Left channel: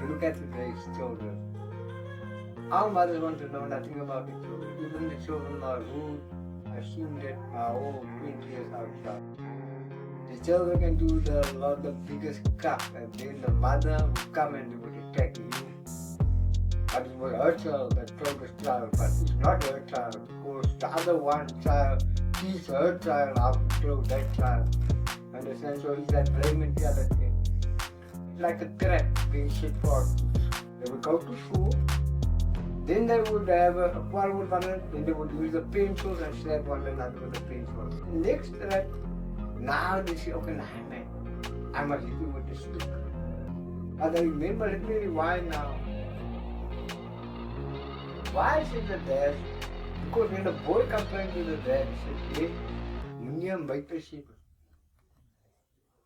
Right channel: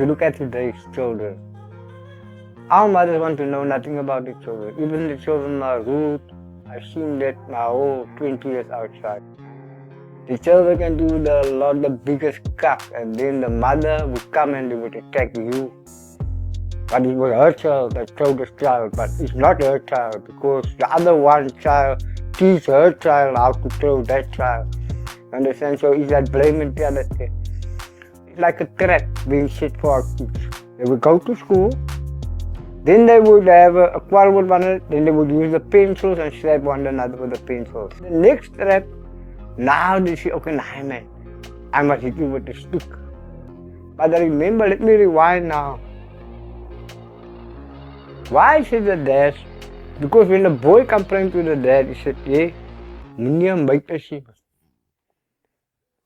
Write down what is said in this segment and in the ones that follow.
you look at today's children, our mothers want to know nothing about the children. Even the children are rude. I've seen that my whole 20 years outside. The children can do the biggest crap, and then the mother would come and they would attack you. But it was her child that killed the child, but it's not her child because the other one child teach her child how to kill that child. Understand? So it's that blame mentality. It's like a trap being set for our kids. They would go to school, then they would have a quarrel with one another, then they would use the pencils and slap one another with the pencils. The next trap, now they say, okay, nah, man, I must hit you with the stick. But I remember, let me rewind now. Why said the dad? Because when the boy complained to the dad, he said, hey, meneer buiten.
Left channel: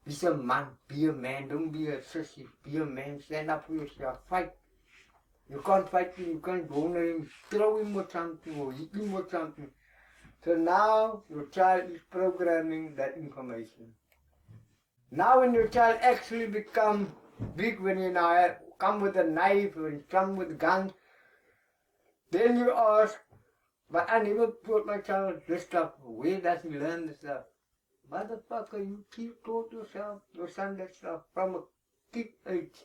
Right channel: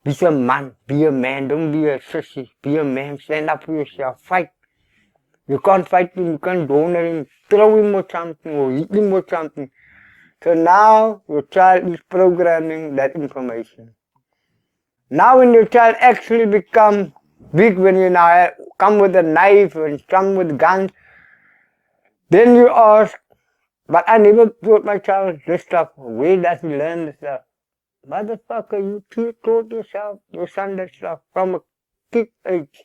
Be a man, don't be a sissy. Be a man, stand up for yourself, fight. You can't fight him, you can't donor him, throw him or something, or hit him or something. So now your child is programming that information. Now when your child actually become big, when you now come with a knife and come with guns, then you ask, but I never taught my child this stuff. Where does he learn this stuff? Motherfucker, you taught your son that stuff from a kid age.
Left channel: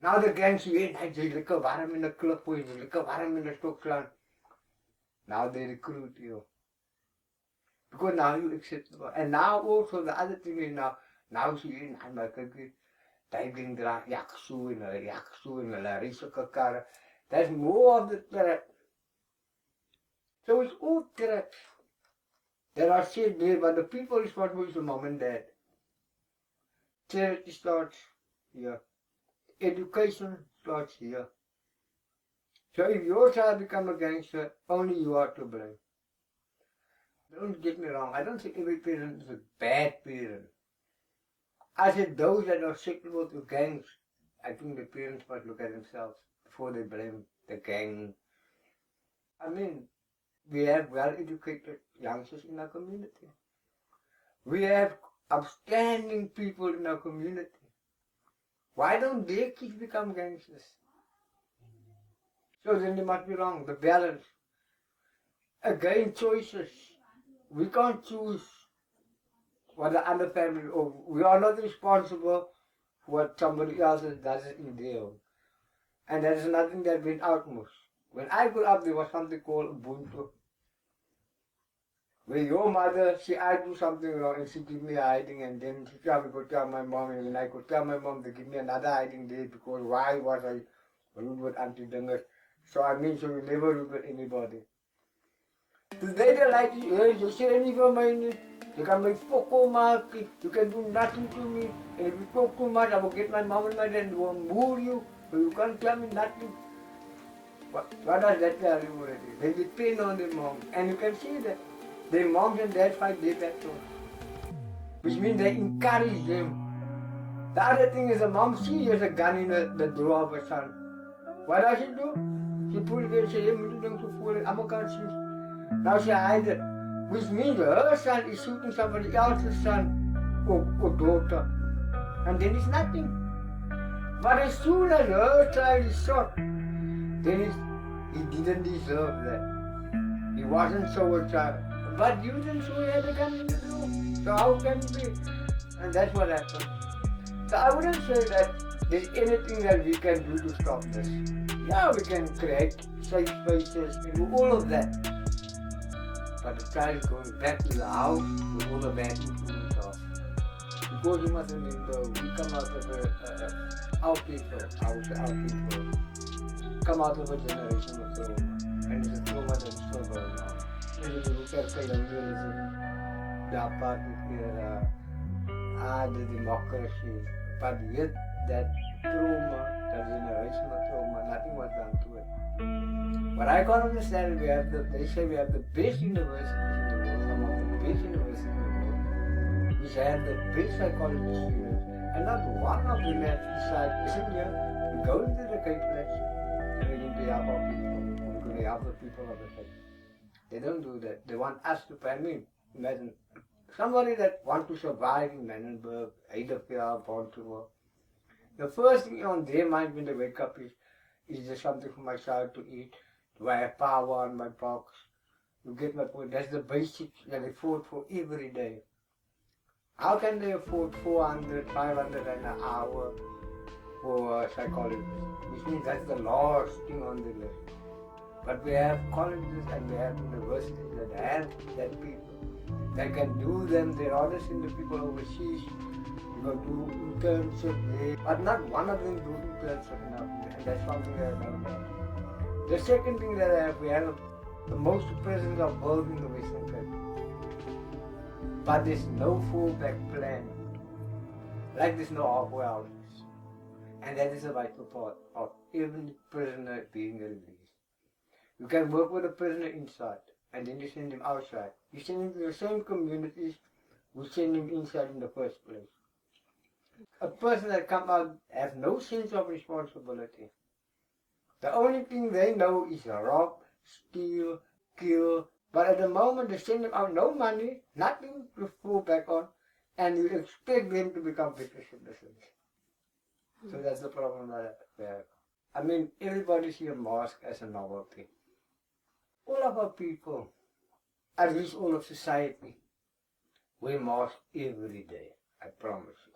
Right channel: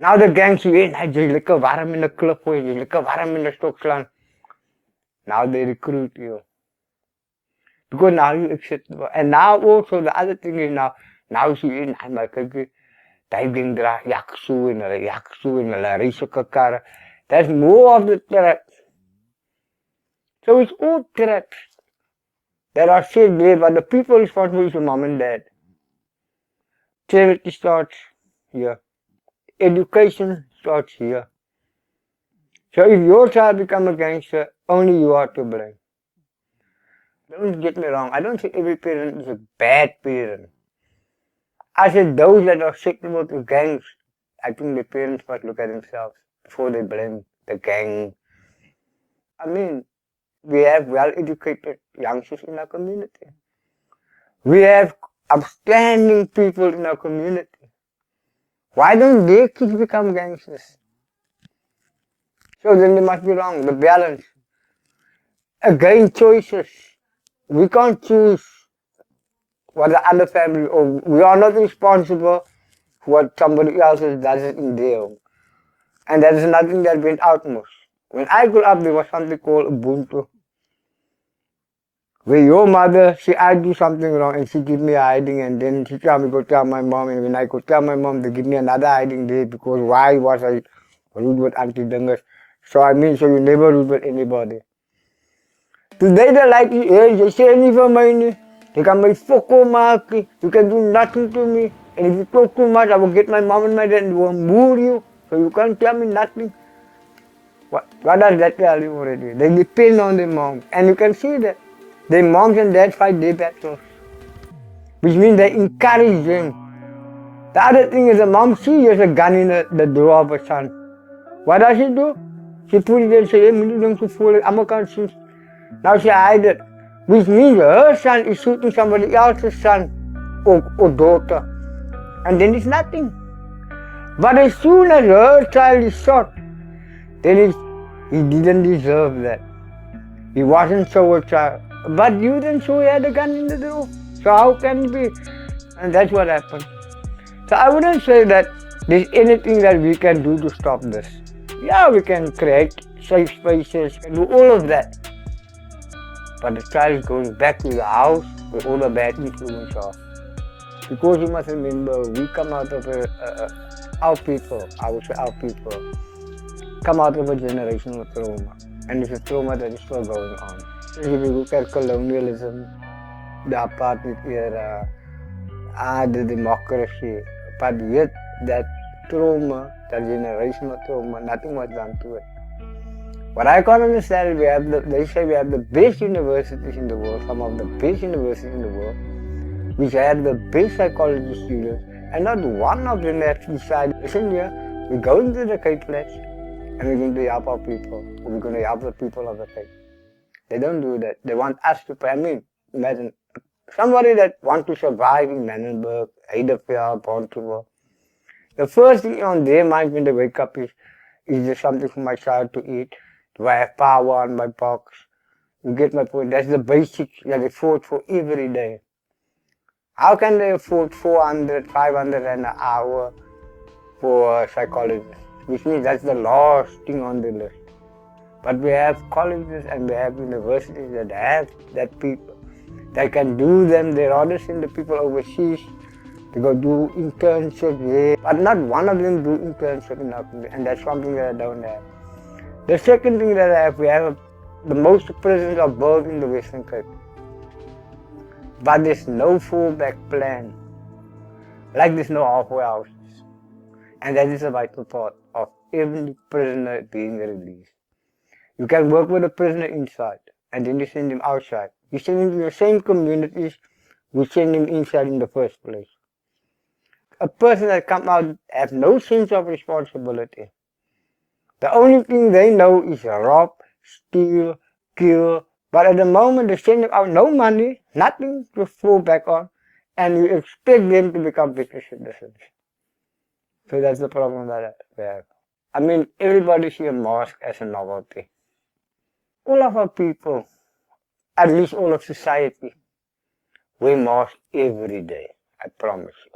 Now the gang say, hey, jy lekker warm in the klip gooi, jy lekker warm in the stokslaan. Now they recruit you. Because now you accept. And now also the other thing is now see, hey, maar kyk, die ding dra jaksoe en hulle ry sulke karre. That's more of the trap. So it's all traps that are set there, but the people responsible is your mom and dad. Charity starts here. Education starts here. So if your child becomes a gangster, only you are to blame. Don't get me wrong, I don't say every parent is a bad parent. I said those that are susceptible to gangs, I think the parents must look at themselves before they blame the gang. I mean, we have well-educated youngsters in our community. We have upstanding people in our community. Why don't their kids become gangsters? So then they must be wrong, the balance. Again, choices. We can't choose what the other family, or we are not responsible for what somebody else does in their home. And that is nothing that went outmost. When I grew up, there was something called Ubuntu. Where your mother, I do something wrong and she give me a hiding, and then she tell me go tell my mom, and when I go tell my mom, they give me another hiding there because why was I rude with Auntie Dungas? So I mean, so you never rude with anybody. Today they like, hey, you say anything for me, they can make foko maki, you can do nothing to me, and if you talk too much, I will get my mom and my dad and will move you, so you can't tell me nothing. What does that tell you already? They depend on their mom, and you can see that. Their moms and dads fight their battles, which means they encourage them. The other thing is the mom sees a gun in the drawer of her son. What does she do? She put it there and says, hey, me don't to fool it, I'm a conscience. Now she hides it, which means her son is shooting somebody else's son or daughter. And then it's nothing. But as soon as her child is shot, then he didn't deserve that. He wasn't so a child. But you didn't show he had a gun in the drawer. So how can it be? And that's what happened. So I wouldn't say that there's anything that we can do to stop this. Yeah, we can create safe spaces and do all of that. But the child is going back to the house where all the bad influence are. Because you must remember, we come out of our people come out of a generational trauma. And it's a trauma that is still going on. If you look at colonialism, the apartheid era, the democracy, but yet that trauma, that generational trauma, nothing was done to it. What I can't understand is they say we have the best universities in the world, some of the best universities in the world, which have the best psychology students, and not one of them actually decided, listen here, we're going to the Cape Flats and we're going to help our people, or we're going to help the people of the Cape. They don't do that. They want us to pay. I mean, imagine somebody that wants to survive in Manenberg, Heidelberg, Baltimore. The first thing on their mind when they wake up is there something for my child to eat? Do I have power on my box? You get my point? That's the basics that they fought for every day. How can they afford 400, 500 an hour for a psychologist? Which means that's the last thing on the list. But we have colleges and we have universities that have that people. They can do them. They rather send the people overseas to go do internships there. But not one of them do internships in our country, and that's something that I don't have. The second thing that I have, we have the most prisons are built in the Western Cape. But there's no fallback plan. Like there's no halfway houses. And that is a vital part of every prisoner being released. You can work with a prisoner inside, and then you send him outside. You send him to the same communities you send him inside in the first place. A person that comes out has no sense of responsibility. The only thing they know is rob, steal, kill. But at the moment they send them out, no money, nothing to fall back on, and you expect them to become better citizens. So that's the problem that we have. I mean, everybody sees a mosque as a novelty. All of our people, at least all of society, wear masks every day, I promise you.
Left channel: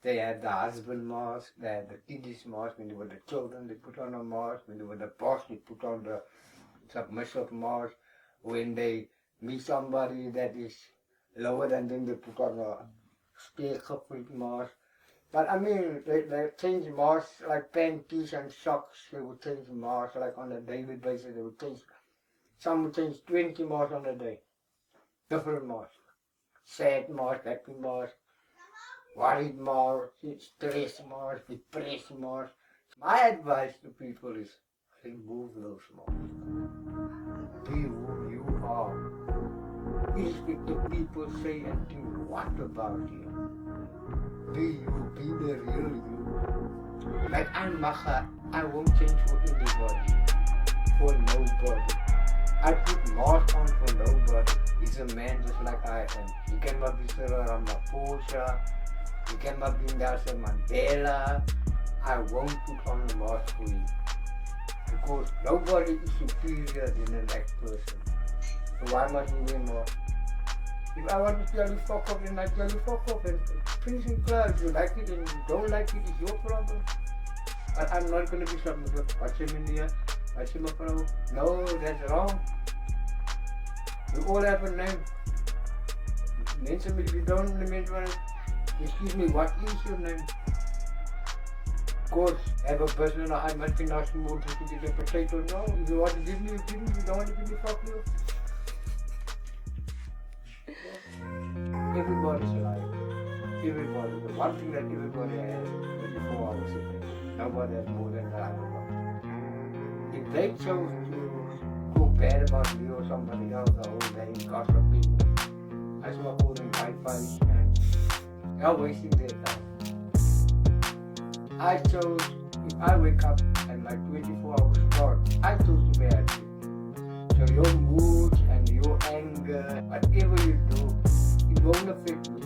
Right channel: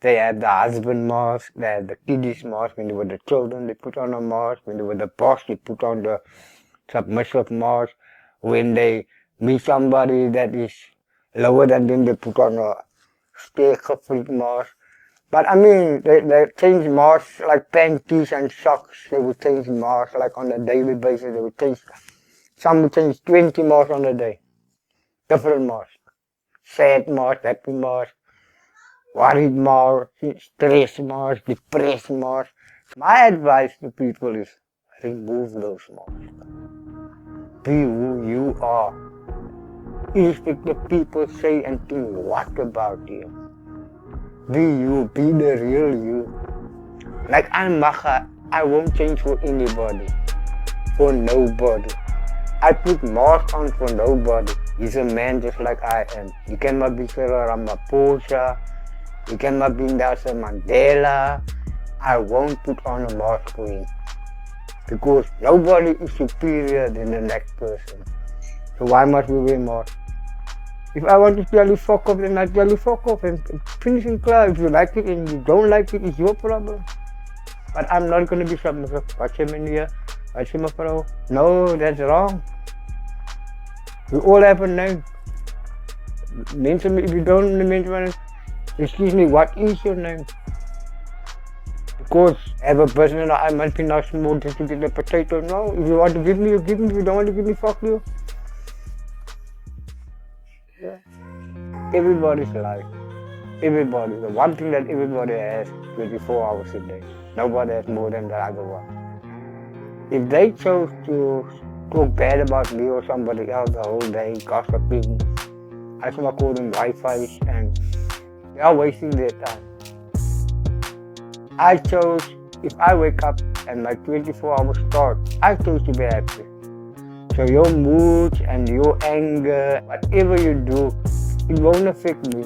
They have the husband mask, they have the kiddies mask. When they were the children, they put on a mask. When they were the boss, they put on the submissive mask. When they meet somebody that is lower than them, they put on a speargevoeld mask. But I mean, they change masks like panties and socks. They would change masks like on a daily basis. They would change, some would change 20 masks on a day. Different masks. Sad mask, happy mask, worried mask, stressed mask, depressed mask. My advice to people is remove those masks. Be who you are. Irrespective of people say and think what about you. Be you, be the real you. Like I'm Macha, I won't change for anybody, for nobody. I put mask on for nobody. He's a man just like I am. You cannot be Cyril Ramaphosa, you cannot be Nelson Mandela. I won't put on a mask for him. Because nobody is superior than the next person. So why must we wear masks? If I want to tell you fuck off, then I tell you fuck off and finish in class. If you like it and you don't like it, it's your problem. But I'm not going to be submissive. Watch him in here, watch him a pro. No, that's wrong. We all have a name. Mention, if you don't mention, excuse me, what is your name? Of course, have a person, I must be not small just to get the potato. No, if you want to give me, you give me. If you don't want to give me, fuck you. Everybody's alive. Everybody. The one thing that everybody has 24 hours a day. Nobody has more than the other one. If they chose to talk bad about me or somebody else the whole day, gossiping, I should call them Wi-Fi, and they are wasting their time. I chose, if I wake up and my 24 hours start, I chose to be happy. So your mood and your anger, whatever you do, it won't affect me.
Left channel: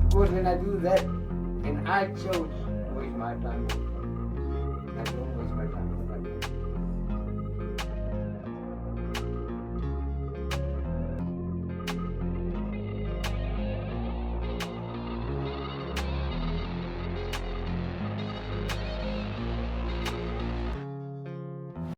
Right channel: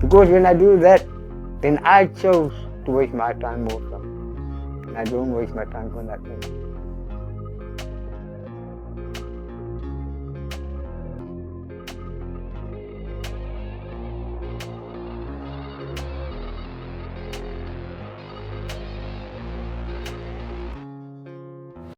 Because when I do that, then I chose to waste my time more. I don't waste my time for nothing.